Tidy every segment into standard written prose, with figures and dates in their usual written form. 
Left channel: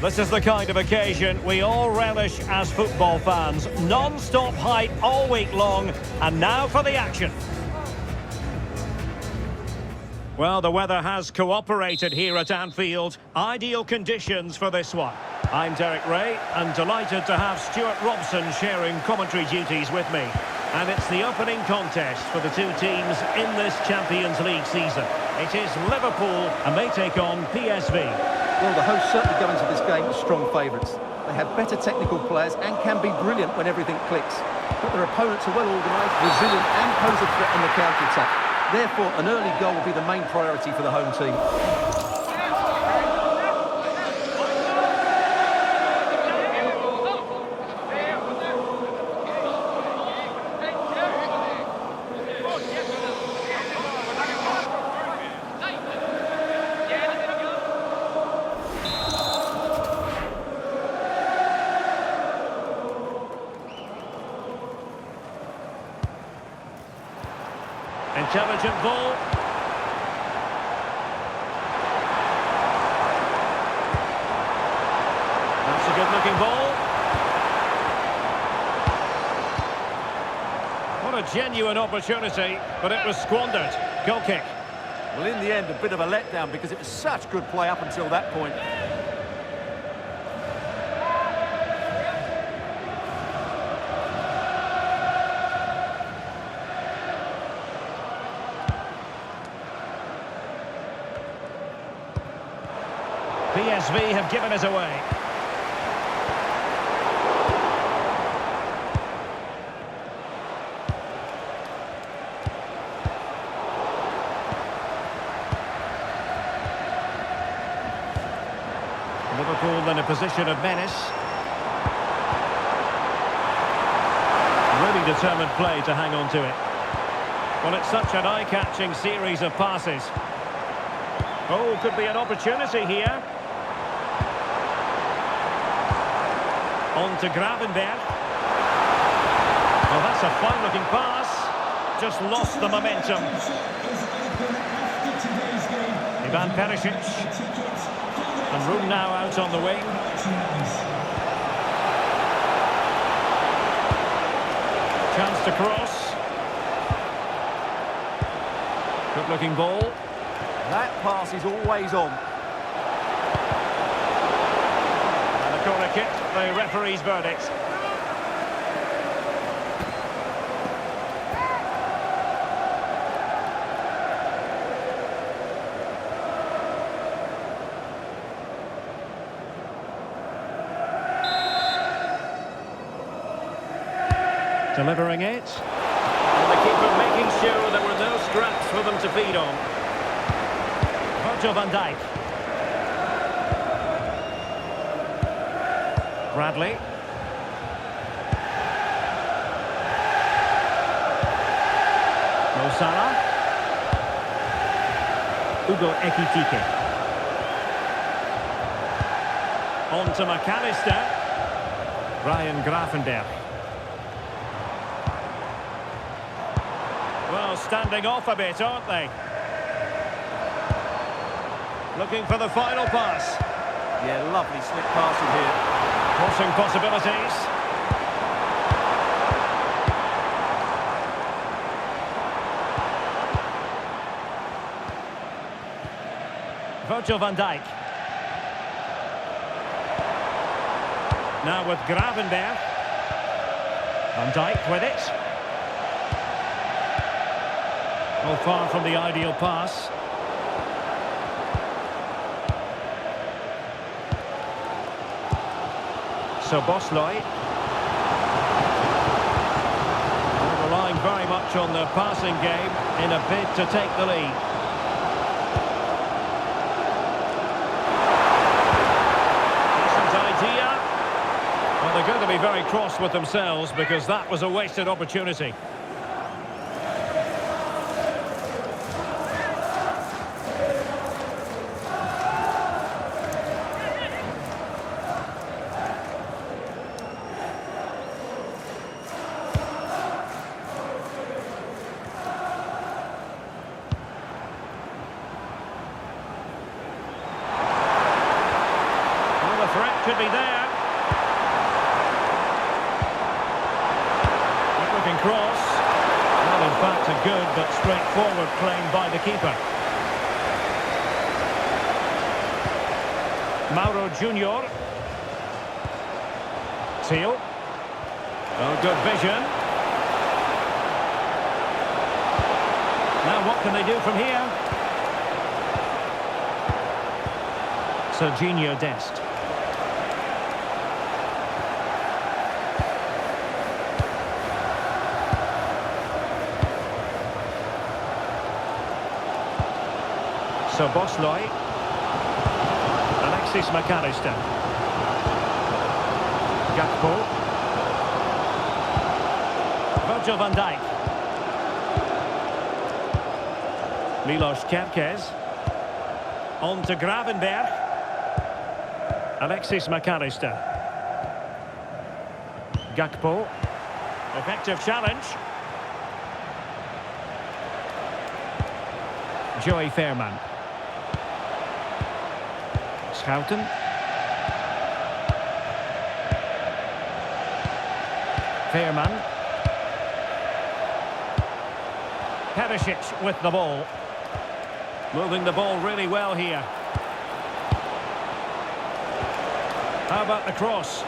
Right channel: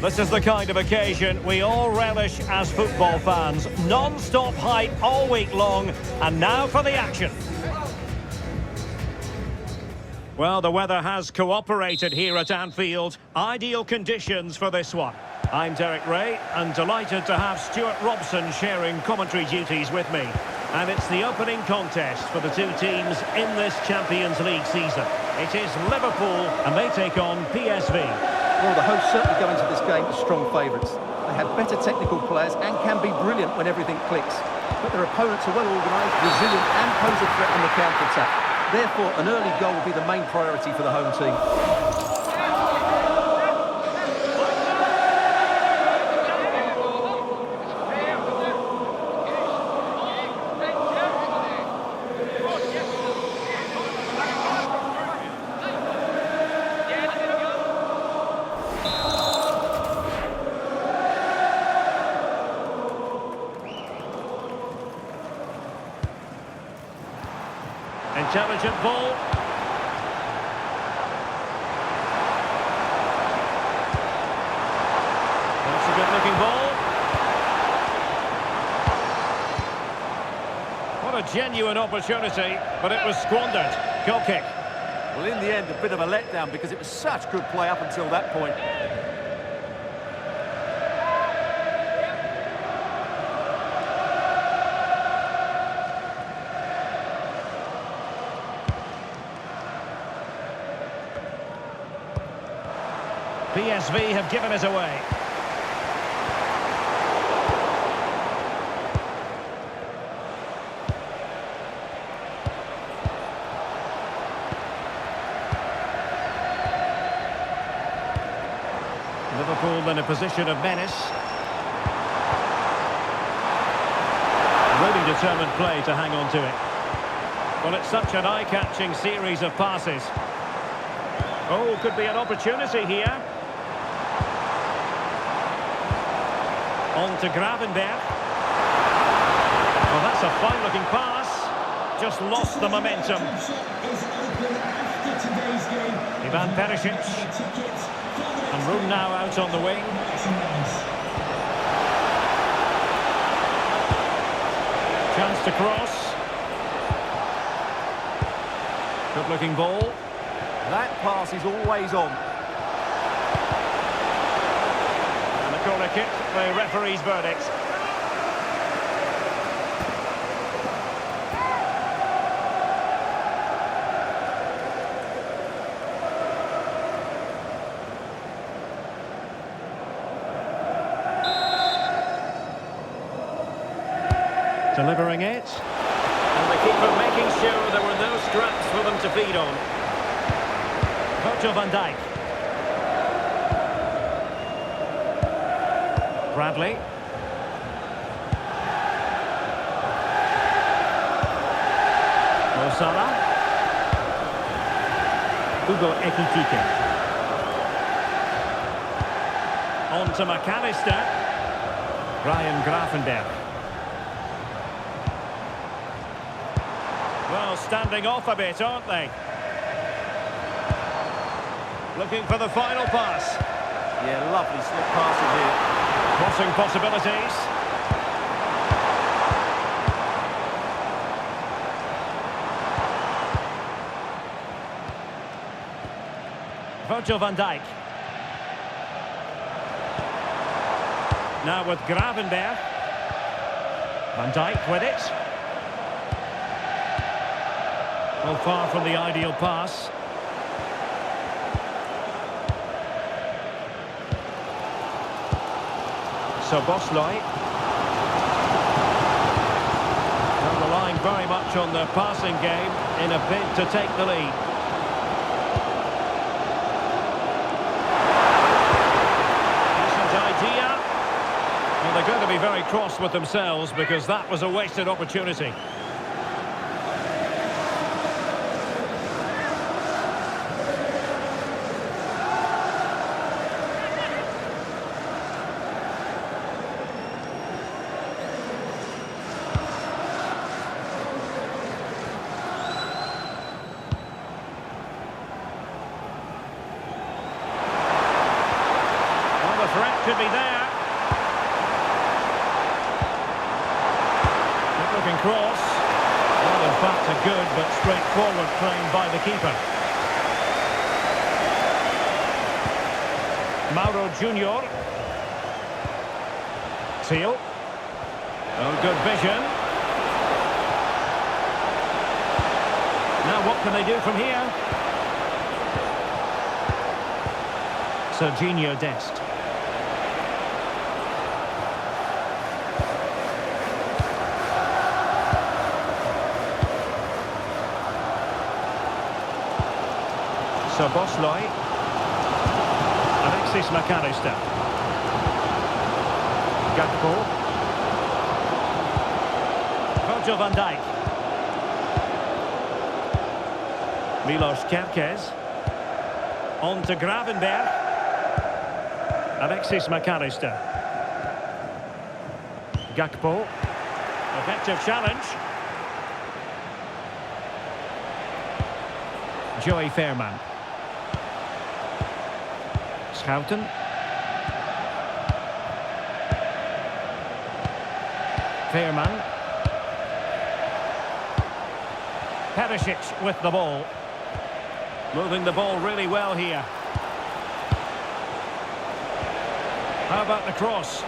This is the kind of occasion we all relish as football fans. Non-stop hype all week long, and now for the action. Well, the weather has cooperated here at Anfield. Ideal conditions for this one. I'm Derek Ray, and delighted to have Stuart Robson sharing commentary duties with me. And it's the opening contest for the two teams in this Champions League season. It is Liverpool, and they take on PSV. Well, the hosts certainly go into this game as strong favourites. They have better technical players and can be brilliant when everything clicks. But their opponents are well organised, resilient and pose a threat on the counter-attack. Therefore, an early goal will be the main priority for the home team. Intelligent ball. That's a good-looking ball. What a genuine opportunity, but it was squandered. Goal kick. Well, in the end, a bit of a letdown because it was such good play up until that point. PSV have given it away. Liverpool in a position of menace. Really determined play to hang on to it. Well, it's such an eye-catching series of passes. Oh, could be an opportunity here. On to Gravenberg. Oh, that's a fine-looking pass. Just lost the momentum. Ivan Perisic. And room now out on the wing. Chance to cross. Good-looking ball. That pass is always on. And a corner kick, the referee's verdict. Delivering it. And the keeper making sure there were no scraps for them to feed on. Virgil van Dijk. Bradley. Mo Salah. Hugo Ekitike. On to McAllister. Ryan Gravenberg. Well, standing off a bit, aren't they? Looking for the final pass. Yeah, lovely slick passing here. Crossing possibilities. Virgil van Dijk. Now with Gravenberg. Van Dijk with it. Well, far from the ideal pass. So Bosloy. Well, relying very much on the passing game in a bid to take the lead. Decent idea. Well, they're going to be very cross with themselves because that was a wasted opportunity. the threat could be there. Good-looking cross. Well, in fact, a good but straightforward claim by the keeper. Mauro Junior. Teal. Oh, good vision. Now what can they do from here? Serginho Dest. Szoboszlai. Alexis McAllister. Gakpo. Virgil van Dijk. Milos Kerkez. On to Gravenberg. Alexis McAllister. Gakpo. Effective challenge. Joey Fairman. Schouten. Fairman. Perisic with the ball. Moving the ball really well here. How about the cross?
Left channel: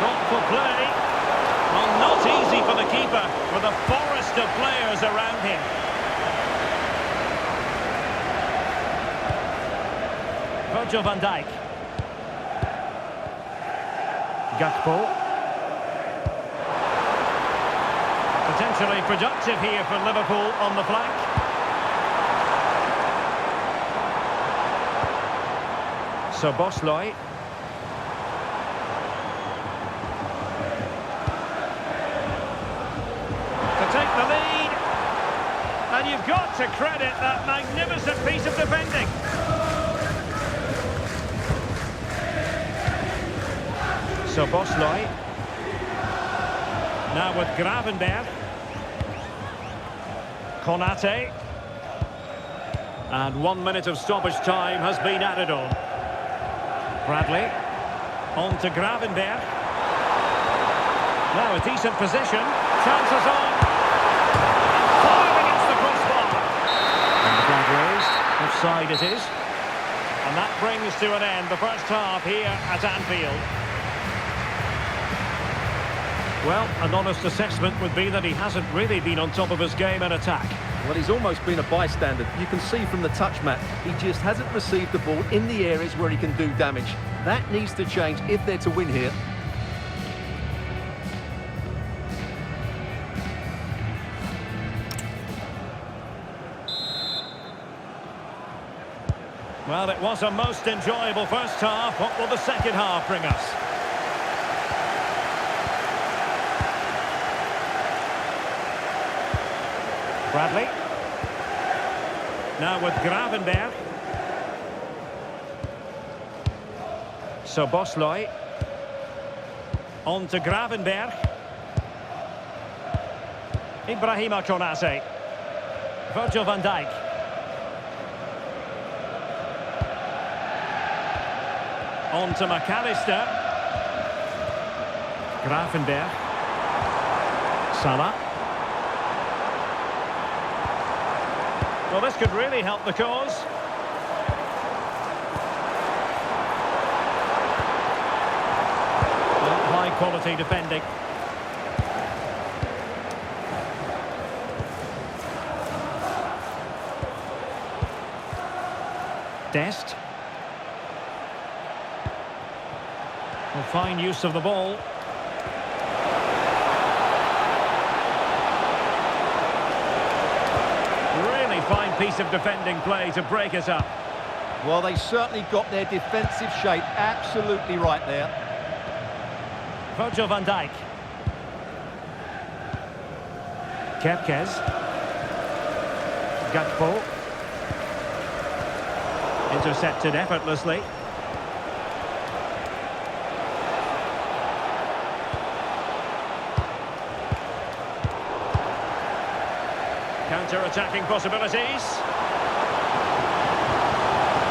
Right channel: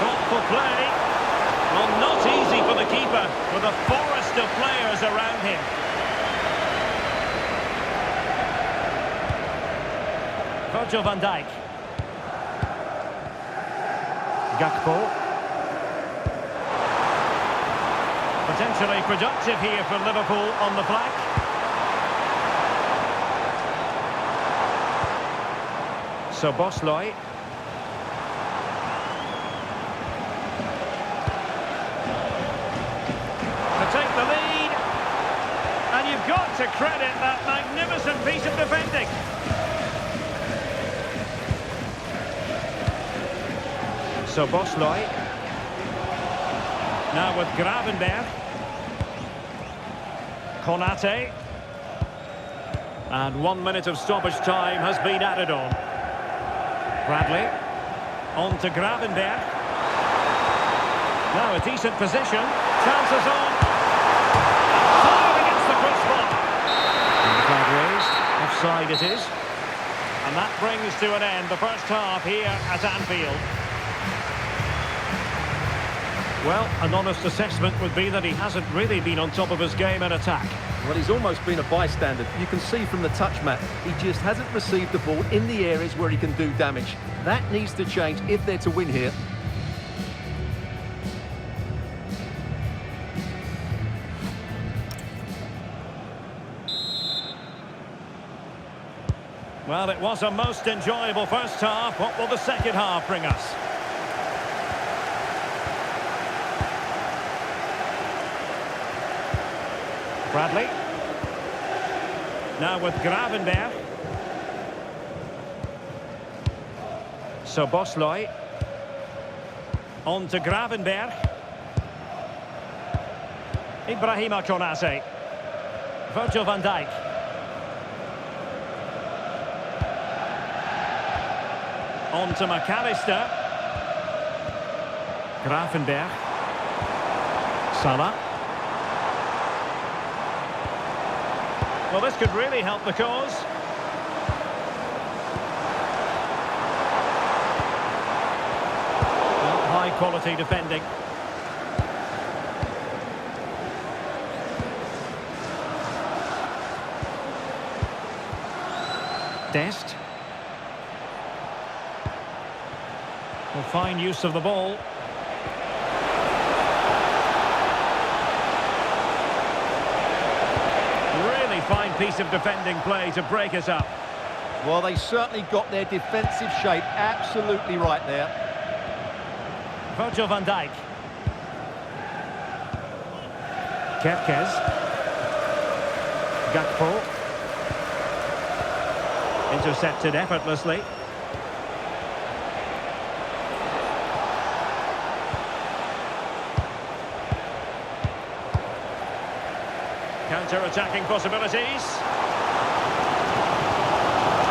Thoughtful play. Well, not easy for the keeper with a forest of players around him. Virgil van Dijk. Gakpo. Potentially productive here for Liverpool on the flank. Szoboszlai. To take the lead. And you've got to credit that magnificent piece of defending. Szoboszlai. Now with Gravenberg. Konate. And 1 minute of stoppage time has been added on. Bradley. On to Gravenberg. Now a decent position. Chances on. And fired against the crossbar. And the flag raised. Offside it is. And that brings to an end the first half here at Anfield. Well, an honest assessment would be that he hasn't really been on top of his game in attack. Well, he's almost been a bystander. You can see from the touch map, he just hasn't received the ball in the areas where he can do damage. That needs to change if they're to win here. Well, it was a most enjoyable first half. What will the second half bring us? Bradley. Now with Gravenberg. Szoboszlai. On to Gravenberg. Ibrahima Konate. Virgil van Dijk. On to McAllister. Gravenberg. Salah. Well, this could really help the cause. Well, high-quality defending. Dest. Well, fine use of the ball. Really fine piece of defending play to break us up. Well, they certainly got their defensive shape absolutely right there. Virgil van Dijk. Kerkez. Gakpo. Intercepted effortlessly. Counter-attacking possibilities.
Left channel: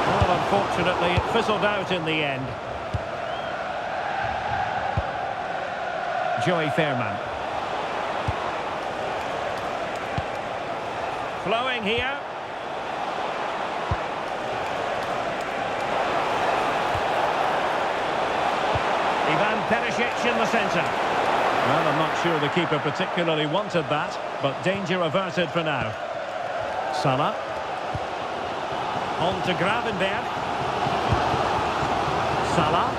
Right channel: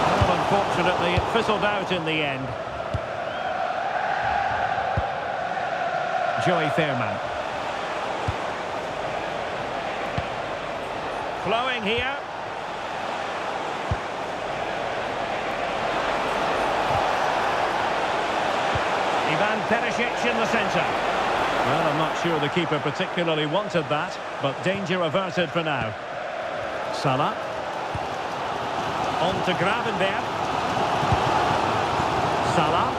Well, Unfortunately, it fizzled out in the end. Joey Fairman. Flowing here. Ivan Perisic in the centre. Well, I'm not sure the keeper particularly wanted that, but danger averted for now. Salah. On to Gravenberg. Salah.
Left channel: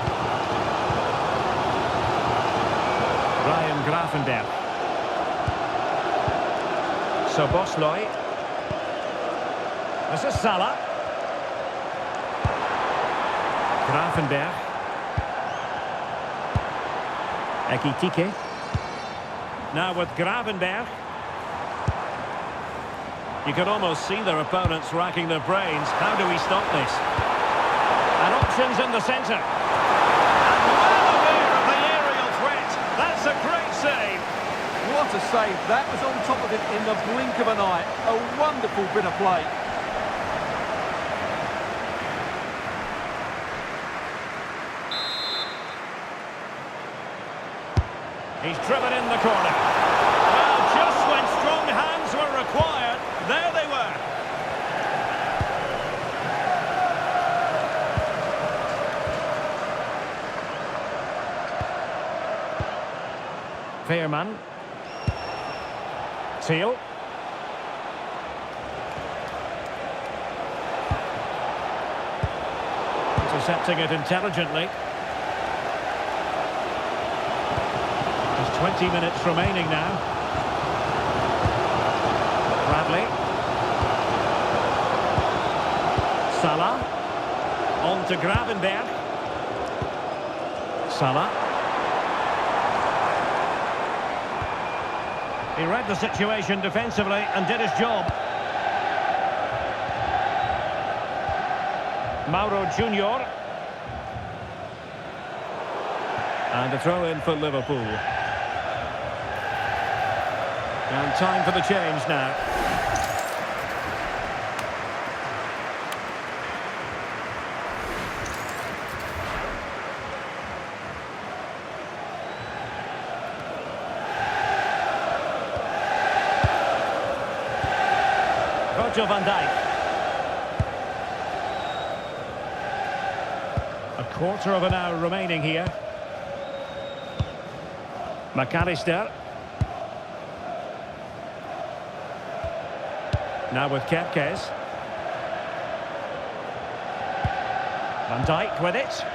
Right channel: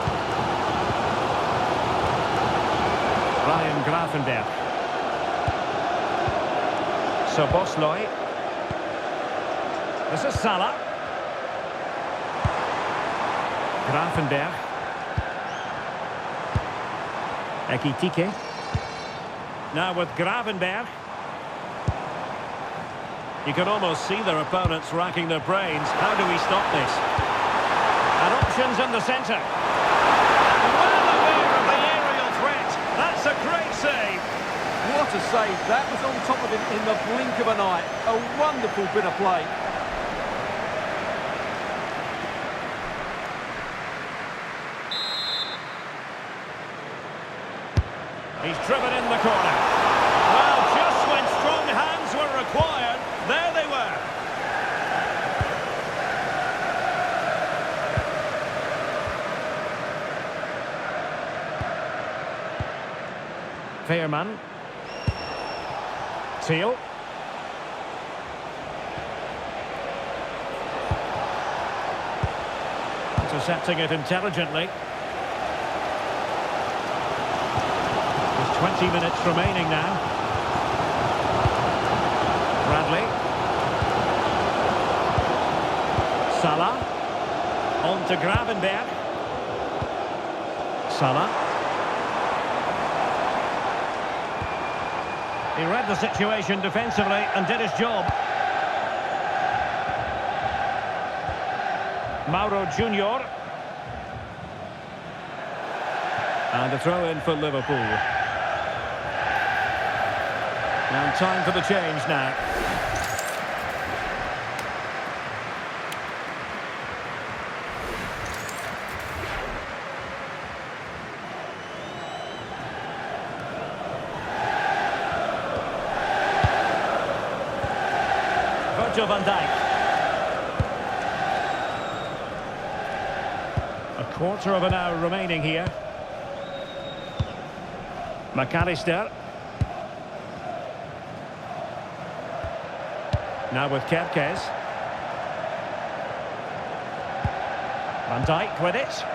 Ryan Gravenberg. Szoboszlai. This is Salah. Gravenberg. Ekitike. Now with Gravenberg. You can almost see their opponents racking their brains. How do we stop this? And options in the centre. And well aware of the aerial threat. That's a great save. What a save. That was on top of him in the blink of an eye. A wonderful bit of play. He's driven in the corner. Well, just when strong hands were required, there they were. Fairman. Teal. Intercepting it intelligently. There's 20 minutes remaining now. Bradley. Salah. On to Gravenberg. Salah. He read the situation defensively and did his job. Mauro Junior. And a throw in for Liverpool. And time for the change now. Virgil van Dijk. A quarter of an hour remaining here. McAllister. Now with Kerkez. Van Dijk with it.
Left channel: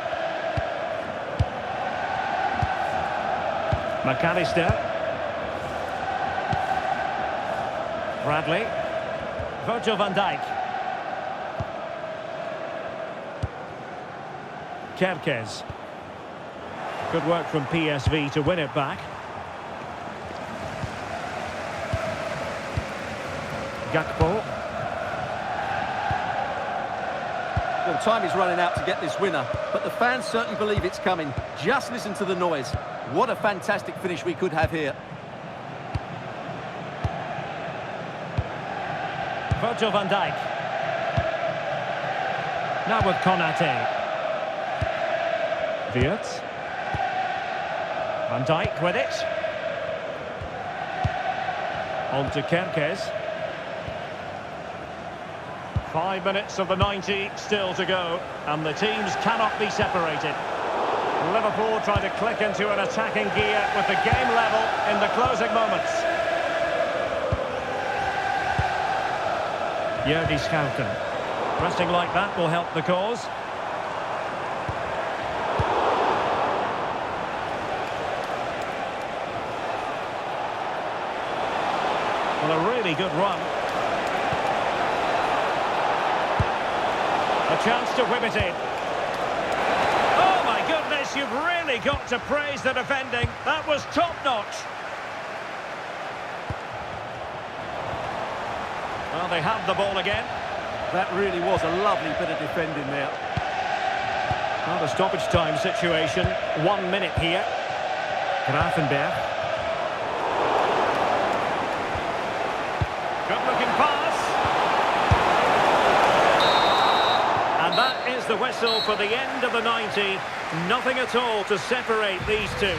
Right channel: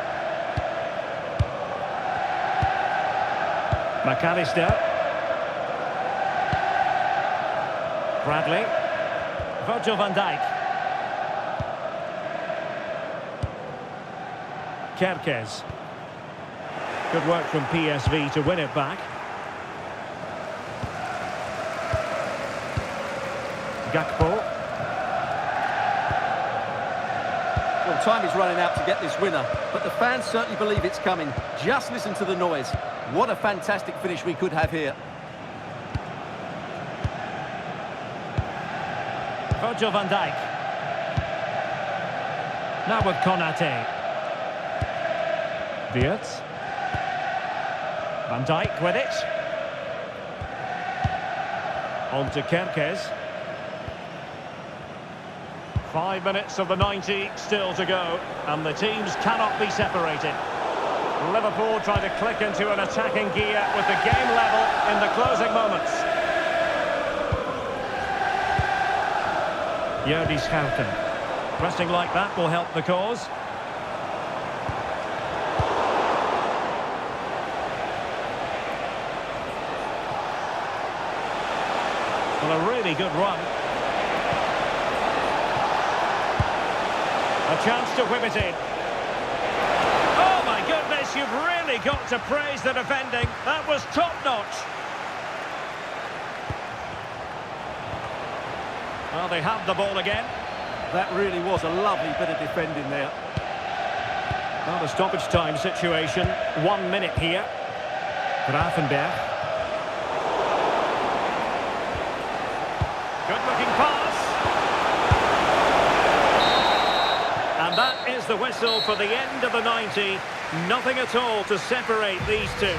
McAllister. Bradley. Virgil van Dijk. Kerkez. Good work from PSV to win it back. Gakpo. Well, time is running out to get this winner, but the fans certainly believe it's coming. Just listen to the noise. What a fantastic finish we could have here. Virgil van Dijk. Now with Konate. Wirtz. Van Dijk with it. On to Kerkez. 5 minutes of the 90 still to go, and the teams cannot be separated. Liverpool trying to click into an attacking gear with the game level in the closing moments. Jordi Schouten. Pressing like that will help the cause. Well, a really good run. A chance to whip it in. Oh my goodness, you've really got to praise the defending. That was top-notch. Well, they have the ball again. That really was a lovely bit of defending there. Well, the stoppage time situation. 1 minute here. Gravenberg. Good-looking pass. And And that is the whistle for the end of the 90. Nothing at all to separate these two.